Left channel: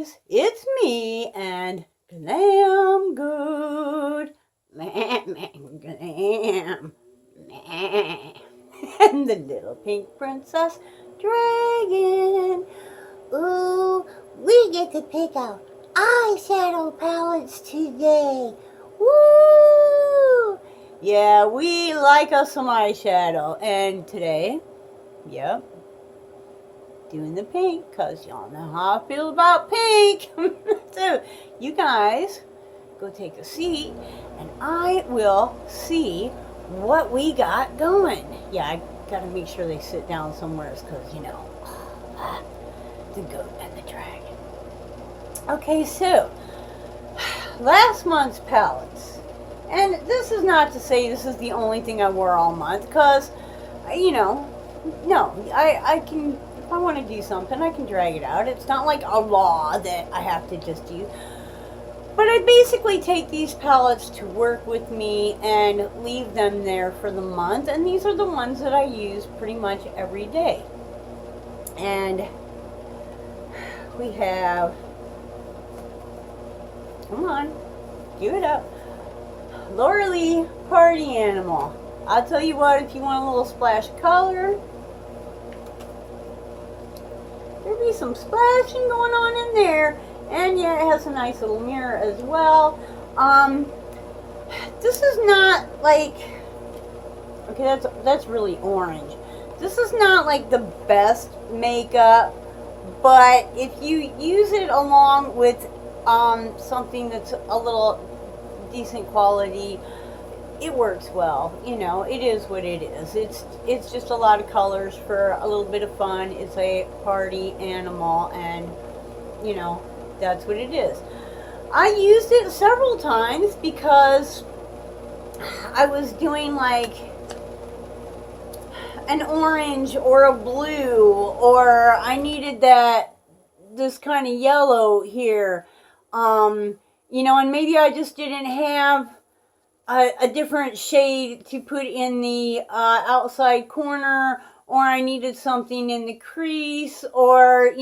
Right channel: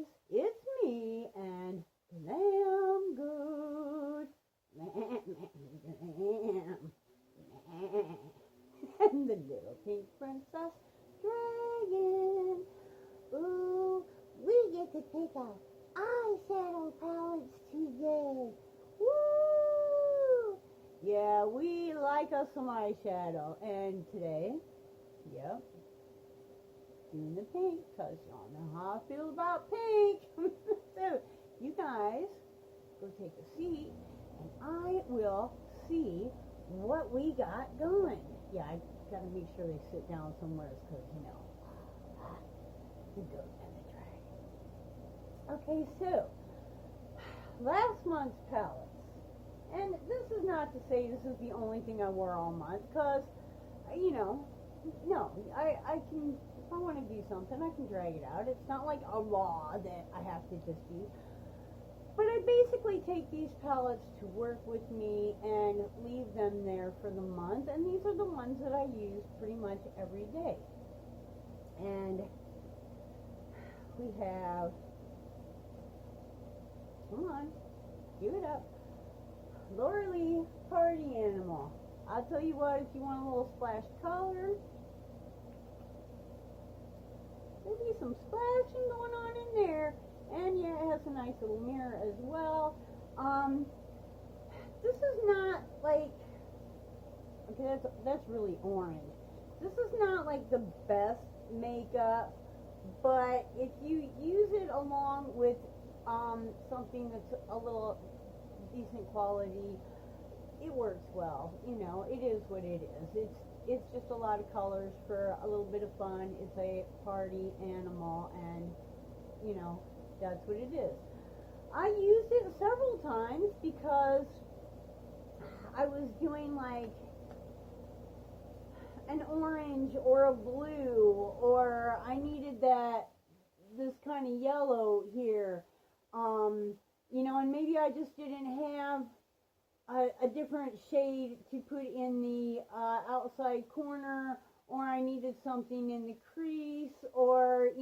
guys, it's me and Glam Goat. Glam. And the little pink princess dragon. Ooh, we get to pick out eyeshadow palettes today. Woo! Yeah, we like us some eyeshadow. And today, yep, doing the pink because y'all know how I feel about pink. So, you guys go take a seat and I will see what we got going. Yeah, I gotta make sure they sit down somewhere because, the goat and the dragon. Okay, so last month's palettes. And this is not to say this is the only thing I wore all month because, no, I can, if I want to do something, I can drag it out. It's not like a law that I have to just use. But I basically take these palettes to work with me and leave them there for the month. And these are the ones that I use pretty much every day. And we have, come on, give it up, Laura Lee Party Animal. I'll tell you what, if you want a little splash of color, there'll be some splashing going on in there. And yeah, it has a nice little mirror as well. This is not like, okay, that's really orange. This is not like the best makeup, but if you use it along with something that's a little decent quality, it works well. It is what it is. It's just a lot of colors for a little bit of fun. It's a party animal, and that's what it is. I used it several times because I was doing like an orange or a blue, or I needed this kind of yellow here. And maybe I just didn't have a different shade to put in the outside corner, or I needed something in the crease, or,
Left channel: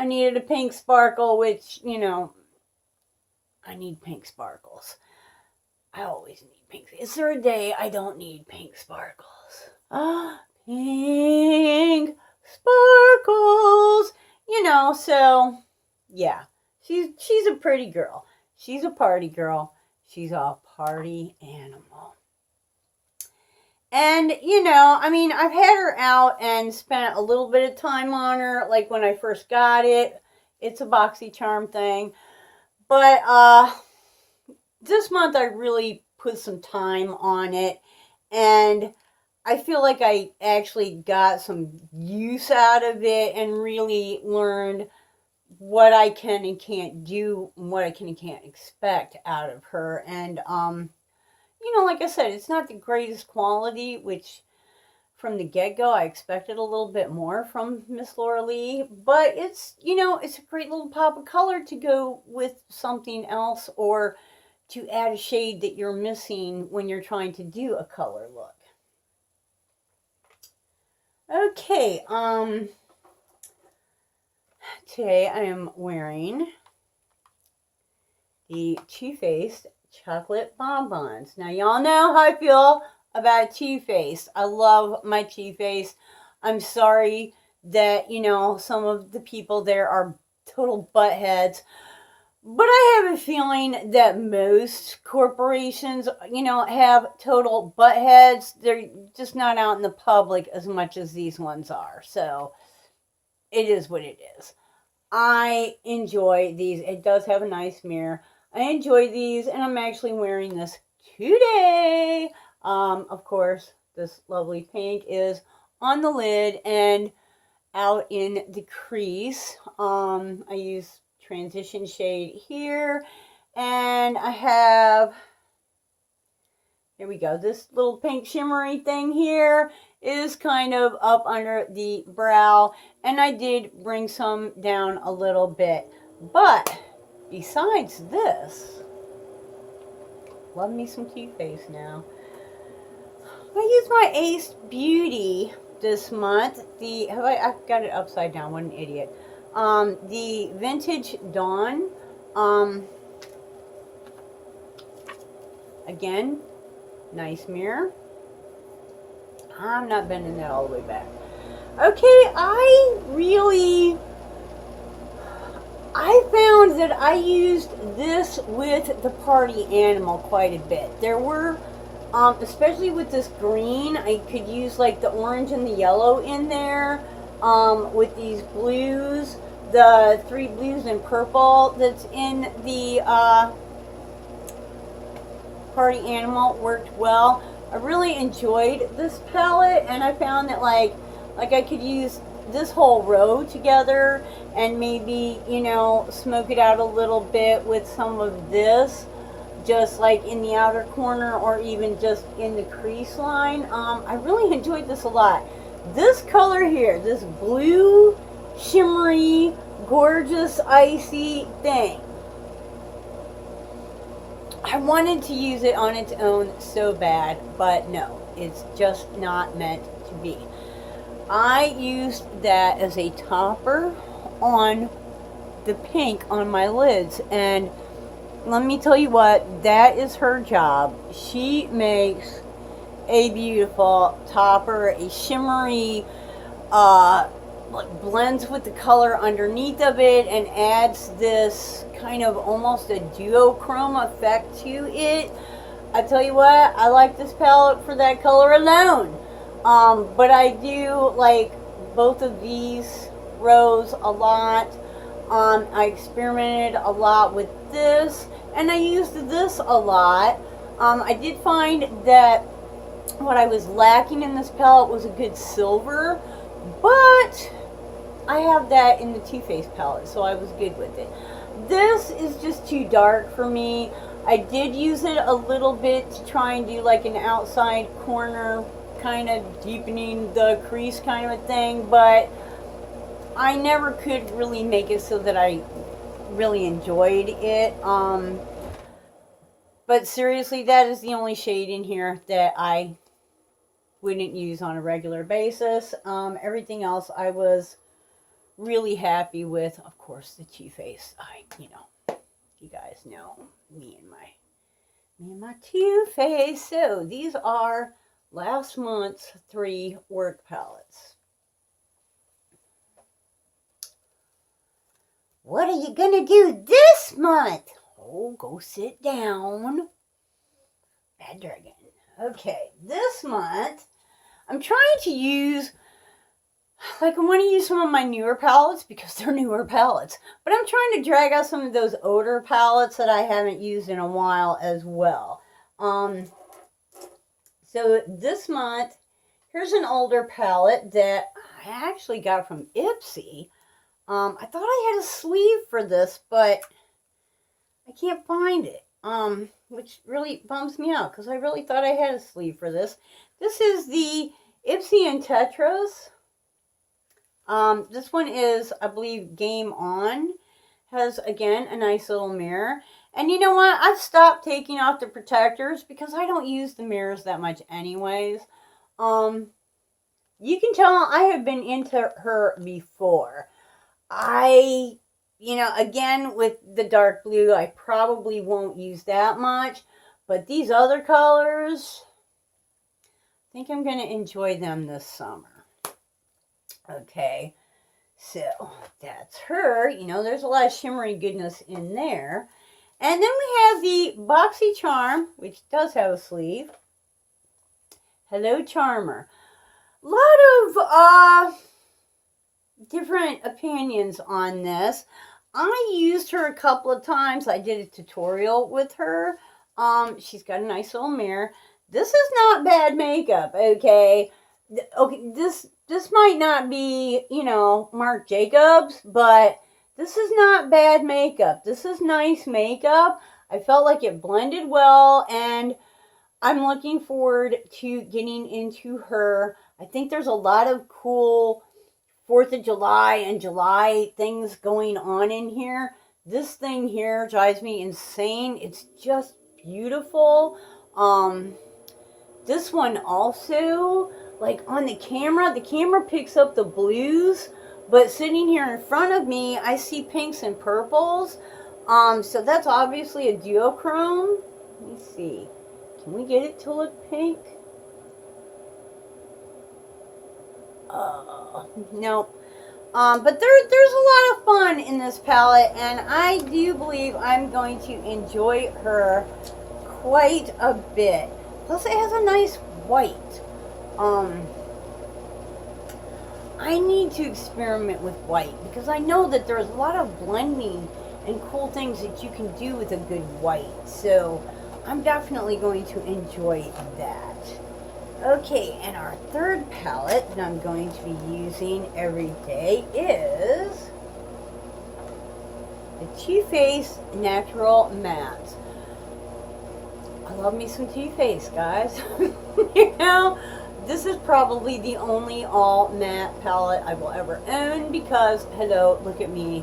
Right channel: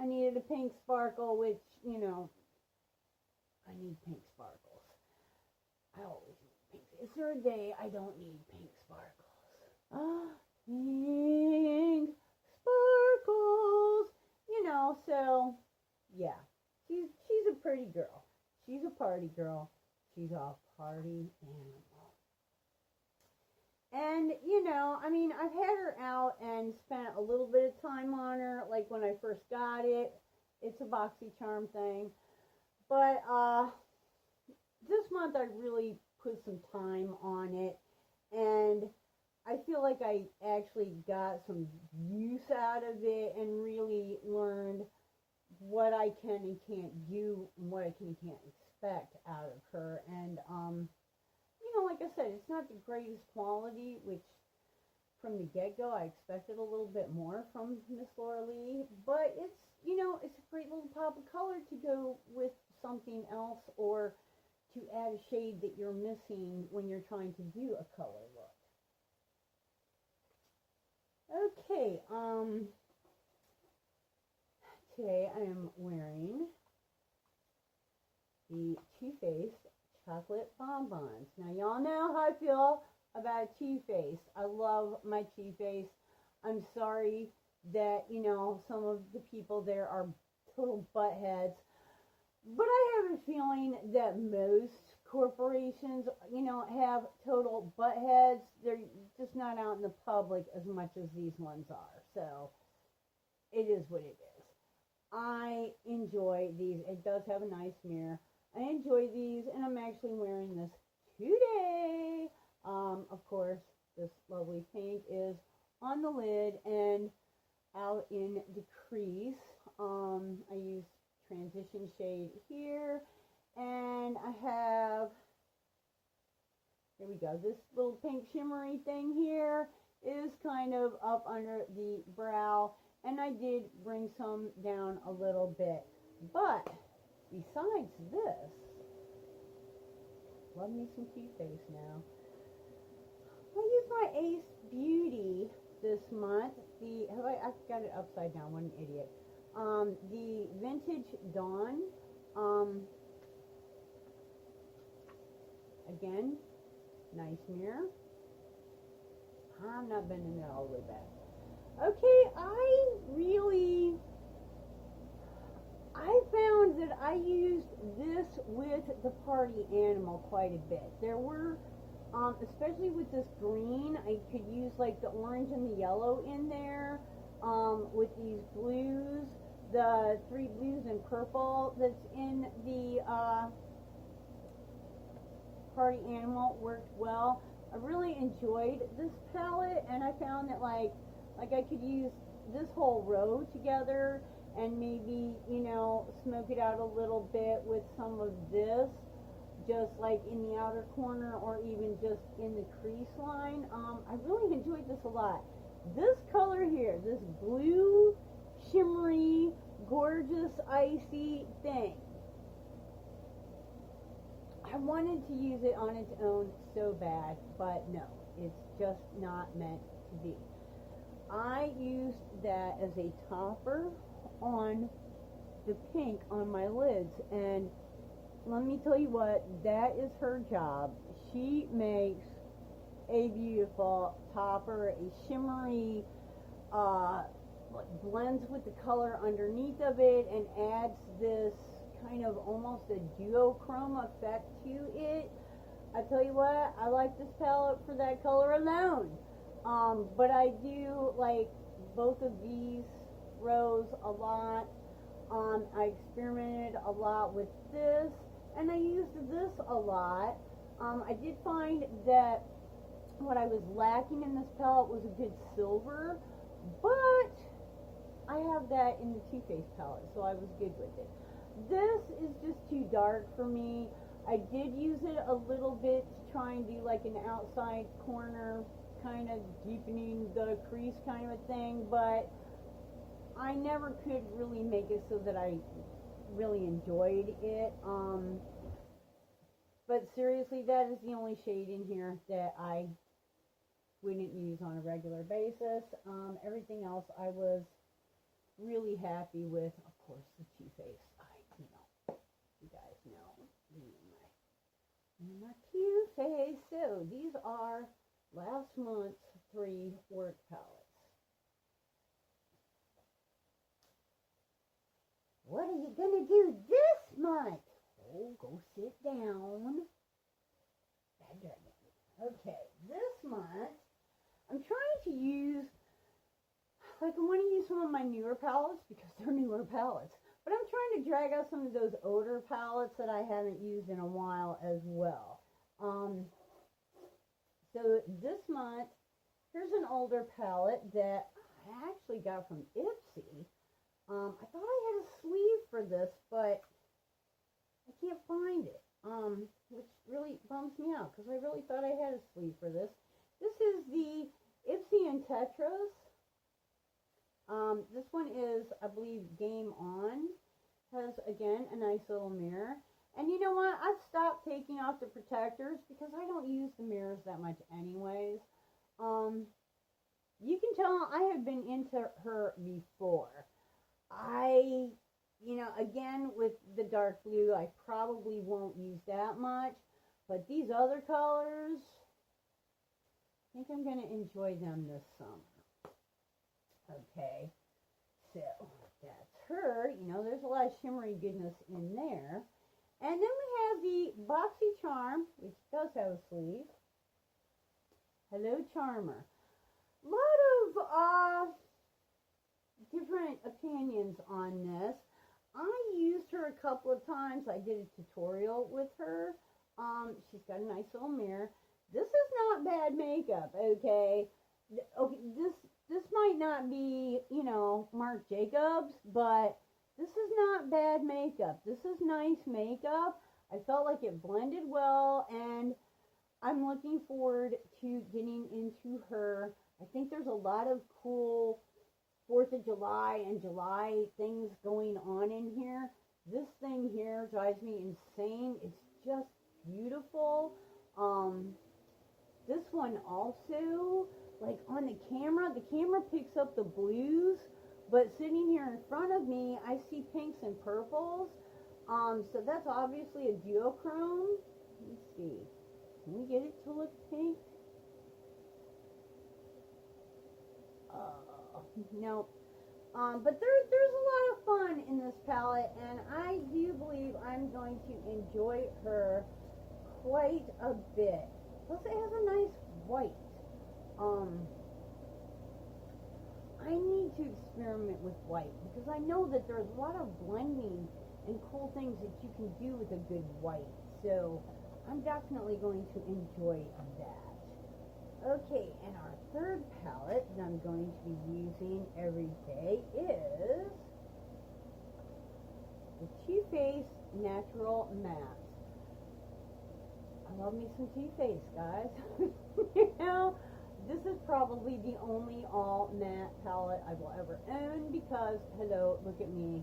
I needed a pink sparkle, which, I need pink sparkles. I always need pink. Is there a day I don't need pink sparkles? Pink sparkles. So, yeah. She's a pretty girl. She's a party girl. She's a party animal. And, I've had her out and spent a little bit of time on her, like when I first got it. It's a BoxyCharm thing. But this month I really put some time on it, and I feel like I actually got some use out of it and really learned what I can and can't do and what I can and can't expect out of her. And like I said, it's not the greatest quality, which from the get-go I expected a little bit more from Miss Laura Lee, but it's a great little pop of color to go with something else, or to add a shade that you're missing when you're trying to do a color look. Okay, today I am wearing the Too Faced chocolate bonbons. Now, y'all know how I feel about Too Faced. I love my Too Faced. I'm sorry that, some of the people there are total buttheads. But I have a feeling that most corporations, have total buttheads. They're just not out in the public as much as these ones are. So, it is what it is. I enjoy these. It does have a nice mirror. I enjoy these, and I'm actually wearing this today. Of course, this lovely pink is on the lid and out in the crease. I use transition shade here, and I have, here we go, this little pink shimmery thing here is kind of up under the brow, and I did bring some down a little bit. But besides this, love me some Too Faced now. I used my Ace Beauty this month. I've got it upside down. What an idiot. the Vintage Dawn. Again, nice mirror. I'm not bending that all the way back. Okay, I found that I used this with the party animal quite a bit. There were, especially with this green, I could use like the orange and the yellow in there. With these blues, the 3 blues and purple that's in the party animal worked well. I really enjoyed this palette, and I found that like I could use this whole row together and maybe, you know, smoke it out a little bit with some of this, just like in the outer corner or even just in the crease line. I really enjoyed this a lot. This color here, this blue, shimmery, gorgeous, icy thing, I wanted to use it on its own so bad, but no, it's just not meant to be. I used that as a topper on the pink on my lids, and let me tell you what, that is her job. She makes a beautiful topper, a shimmery, like blends with the color underneath of it and adds this kind of almost a duochrome effect to it. I tell you what, I like this palette for that color alone. But I do like both of these rows a lot. I experimented a lot with this, and I used this a lot. I did find that what I was lacking in this palette was a good silver, but I have that in the Too Faced palette, so I was good with it. This is just too dark for me. I did use it a little bit to try and do like an outside corner kind of deepening the crease kind of a thing, but I never could really make it so that I really enjoyed it. But seriously, that is the only shade in here that I wouldn't use on a regular basis. Everything else I was really happy with. Of course, the Too Faced. You guys know me and my Too Faced. So these are last month's 3 work palettes. What are you gonna do this month? Oh, go sit down. Bad dragon. Okay, this month I'm trying to use, like, I want to use some of my newer palettes because they're newer palettes, but I'm trying to drag out some of those older palettes that I haven't used in a while as well. So this month, here's an older palette that I actually got from Ipsy. I thought I had a sleeve for this, but I can't find it, which really bums me out because I really thought I had a sleeve for this. This is the Ipsy and Tetras. This one is, I believe, Game On. Has, again, a nice little mirror. And you know what? I've stopped taking off the protectors because I don't use the mirrors that much anyways. You can tell I have been into her before. Again, with the dark blue, I probably won't use that much. But these other colors, I think I'm going to enjoy them this summer. Okay, so that's her. There's a lot of shimmery goodness in there. And then we have the Boxy Charm, which does have a sleeve. Hello, Charmer. A lot of different opinions on this. I used her a couple of times. I did a tutorial with her. She's got a nice little mirror. This is not bad makeup, okay? Okay, this might not be, Marc Jacobs, but this is not bad makeup. This is nice makeup. I felt like it blended well, and I'm looking forward to getting into her. I think there's a lot of cool 4th of July and July things going on in here. This thing here drives me insane. It's just beautiful. This one also, like on the camera picks up the blues, But sitting here in front of me, I see pinks and purples. So that's obviously a duochrome. Let me see. Can we get it to look pink? Nope. But there's a lot of fun in this palette, and I do believe I'm going to enjoy her quite a bit. Plus, it has a nice white. I need to experiment with white because I know that there's a lot of blending and cool things that you can do with a good white. So I'm definitely going to enjoy that. Okay, and our third palette that I'm going to be using every day is the Too Faced Natural Mattes. I love me some Too Faced, guys. You know, this is probably the only all matte palette I will ever own because, hello, look at me,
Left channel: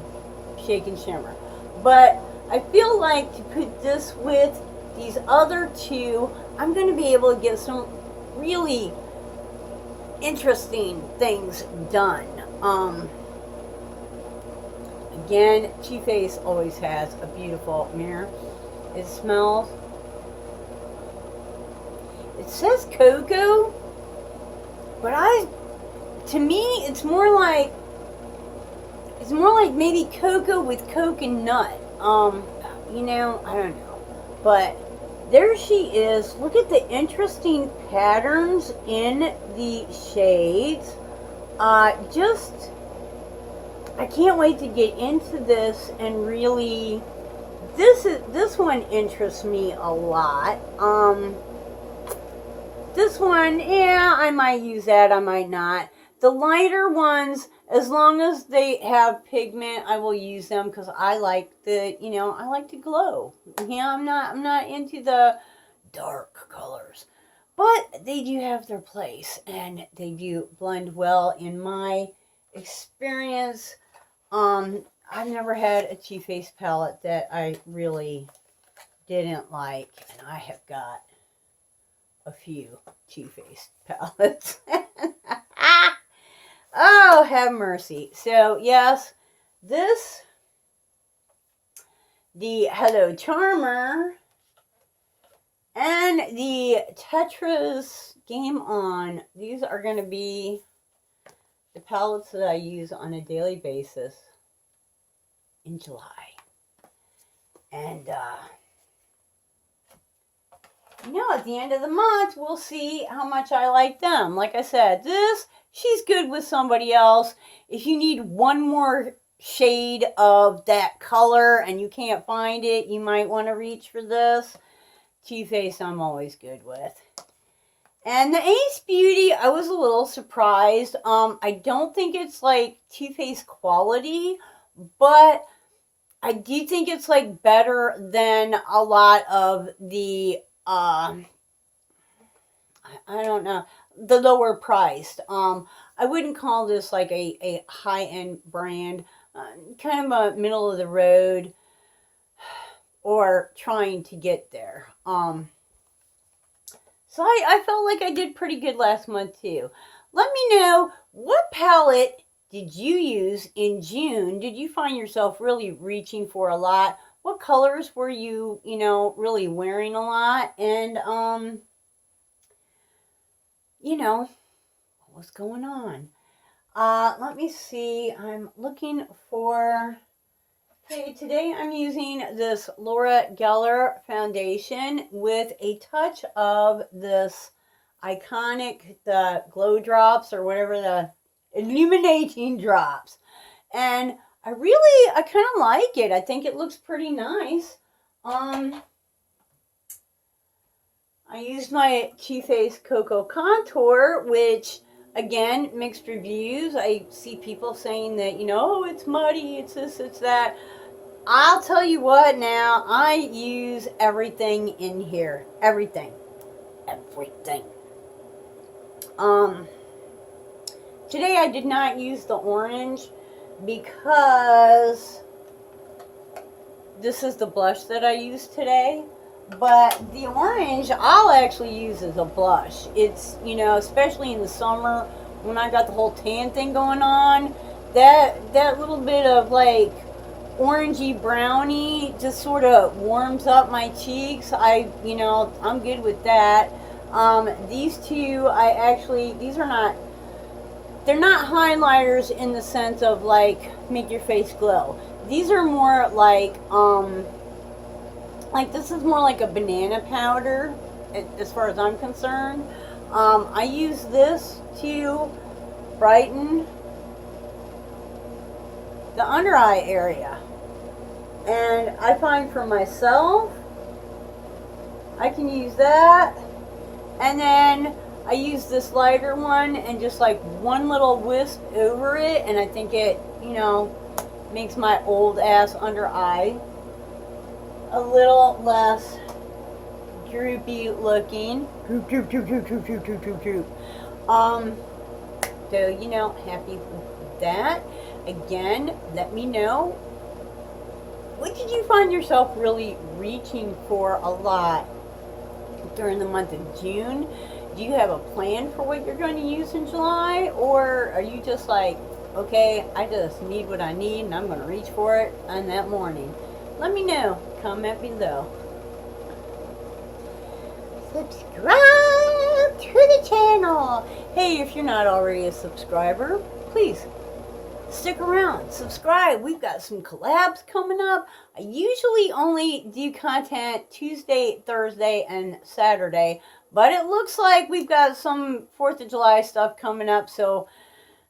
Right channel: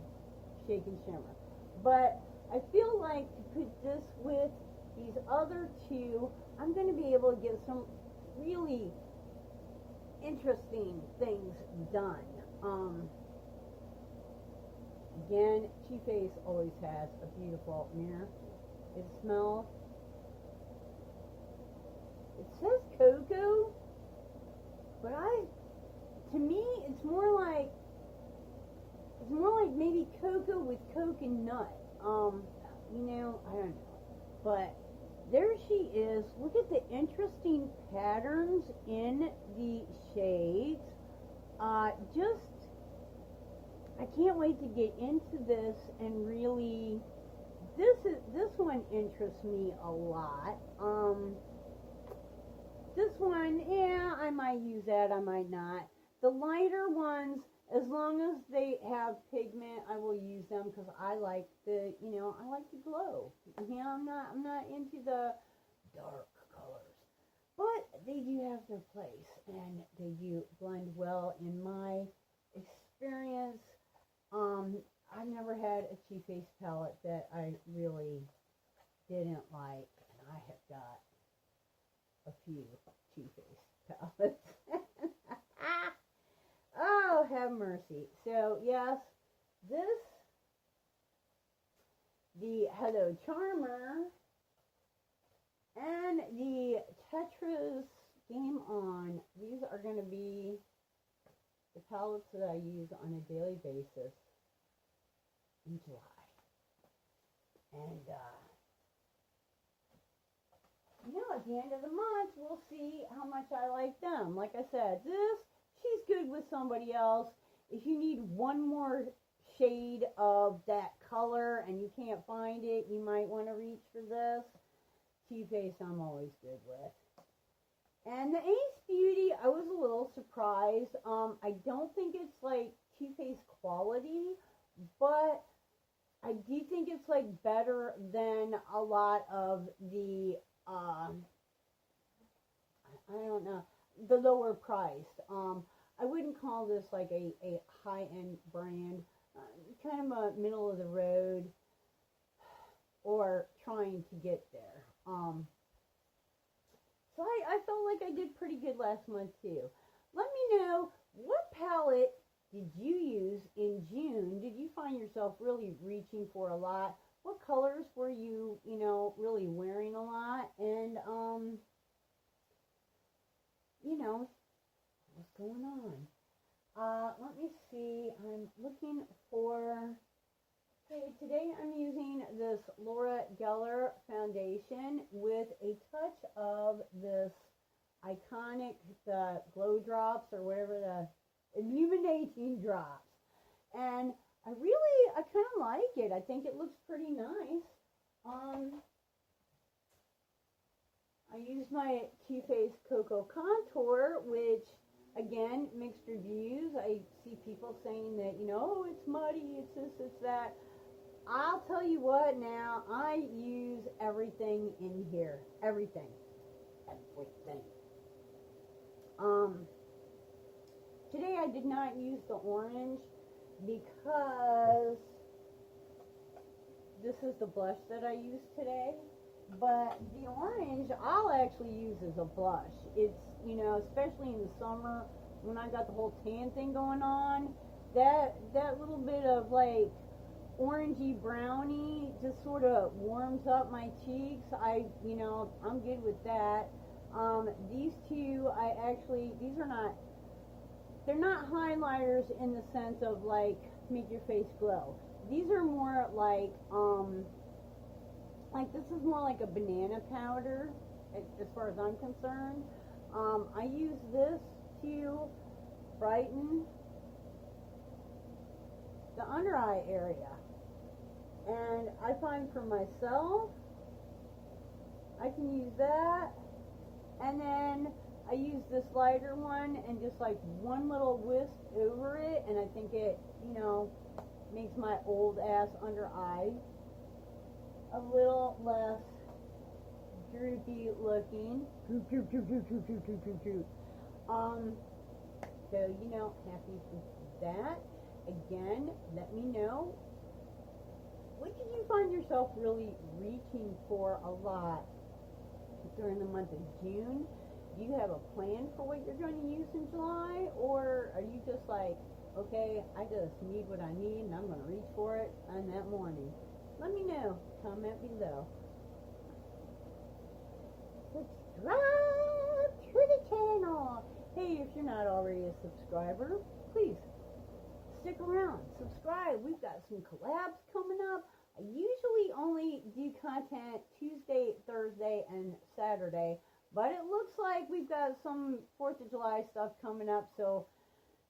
shake and shimmer. But I feel like to put this with these other two, I'm going to be able to get some really interesting things done. Again, Too Faced always has a beautiful mirror. It smells. It says cocoa, but to me, it's more like maybe cocoa with coconut. You know, I don't know, but there she is. Look at the interesting patterns in the shades. I can't wait to get into this and really, this one interests me a lot. This one, yeah, I might use that, I might not. The lighter ones, as long as they have pigment, I will use them because I like I like to glow. Yeah, I'm not into the dark colors, but they do have their place and they do blend well in my experience. I've never had a Too Faced palette that I really didn't like, and I have got a few Too Faced palettes. Oh, have mercy. So, yes, the Hello Charmer, and the Tetris Game On. These are going to be the palettes that I use on a daily basis in July. And, at the end of the month, we'll see how much I like them. Like I said, she's good with somebody else. If you need one more shade of that color and you can't find it, you might want to reach for this. Too Faced, I'm always good with. And the Ace Beauty, I was a little surprised. I don't think it's like Too Faced quality, but I do think it's like better than a lot of the I don't know, the lower priced. I wouldn't call this like a high-end brand, kind of a middle of the road or trying to get there. So I felt like I did pretty good last month too. Let me know, what palette did you use in June? Did you find yourself really reaching for a lot? What colors were you, really wearing a lot? And, what was going on? Let me see. I'm looking for... Okay, today I'm using this Laura Geller foundation with a touch of this iconic, the glow drops or whatever, the illuminating drops. And I kind of like it. I think it looks pretty nice. I used my Too Faced Cocoa Contour, which, again, mixed reviews. I see people saying that, it's muddy, it's this, it's that. I'll tell you what now, I use everything in here. Everything. Today I did not use the orange because this is the blush that I used today. But the orange I'll actually use as a blush. It's, especially in the summer when I got the whole tan thing going on, that little bit of like orangey brownie just sort of warms up my cheeks. I'm good with that. These two, these are not, they're not highlighters in the sense of like make your face glow. These are more like this is more like a banana powder as far as I'm concerned. I use this to brighten the under eye area. And I find for myself, I can use that. And then I use this lighter one and just like one little wisp over it. And I think it, makes my old ass under eye a little less droopy looking. Droop, droop, droop, droop, droop, droop, droop, droop, droop. So, happy with that. Again, let me know, what did you find yourself really reaching for a lot during the month of June? Do you have a plan for what you're going to use in July? Or are you just like, okay, I just need what I need and I'm going to reach for it on that morning? Let me know. Comment below. Subscribe to the channel. Hey, if you're not already a subscriber, please stick around, subscribe. We've got some collabs coming up. I usually only do content Tuesday, Thursday, and Saturday, but it looks like we've got some 4th of July stuff coming up, so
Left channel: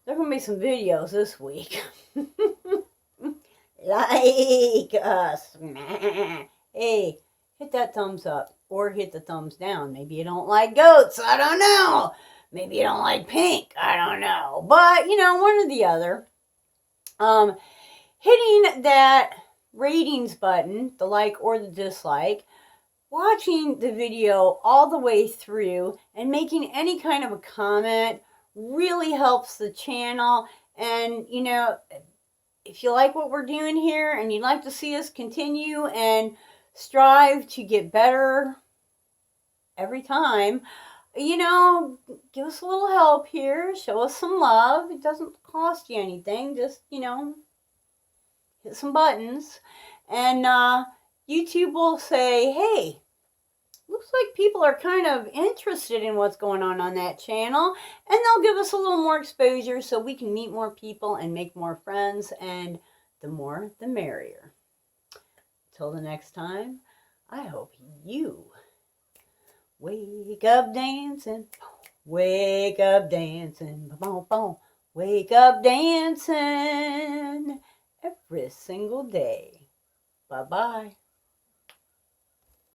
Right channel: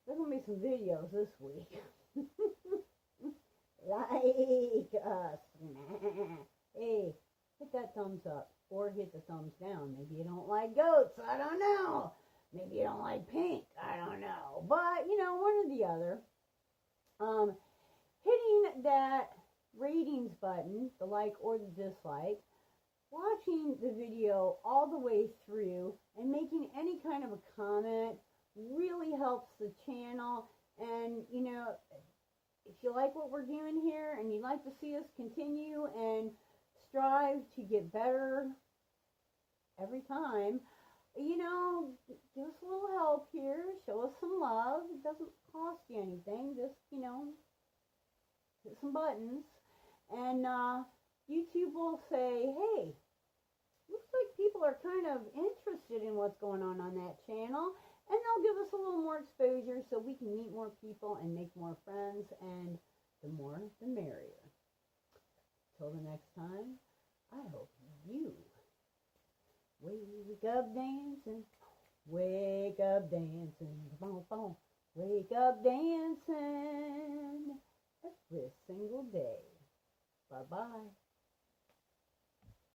there are going to be some videos this week. Like us. Hey, hit that thumbs up or hit the thumbs down. Maybe you don't like goats. I don't know. Maybe you don't like pink. I don't know. But, one or the other. Hitting that ratings button, the like or the dislike, watching the video all the way through and making any kind of a comment really helps the channel. And, if you like what we're doing here and you'd like to see us continue and strive to get better every time, give us a little help here. Show us some love. It doesn't cost you anything. Just, hit some buttons. And YouTube will say, hey, looks like people are kind of interested in what's going on that channel. And they'll give us a little more exposure so we can meet more people and make more friends. And the more, the merrier. Till the next time, I hope you wake up dancing, wake up dancing, boom, boom, wake up dancing every single day. Bye-bye.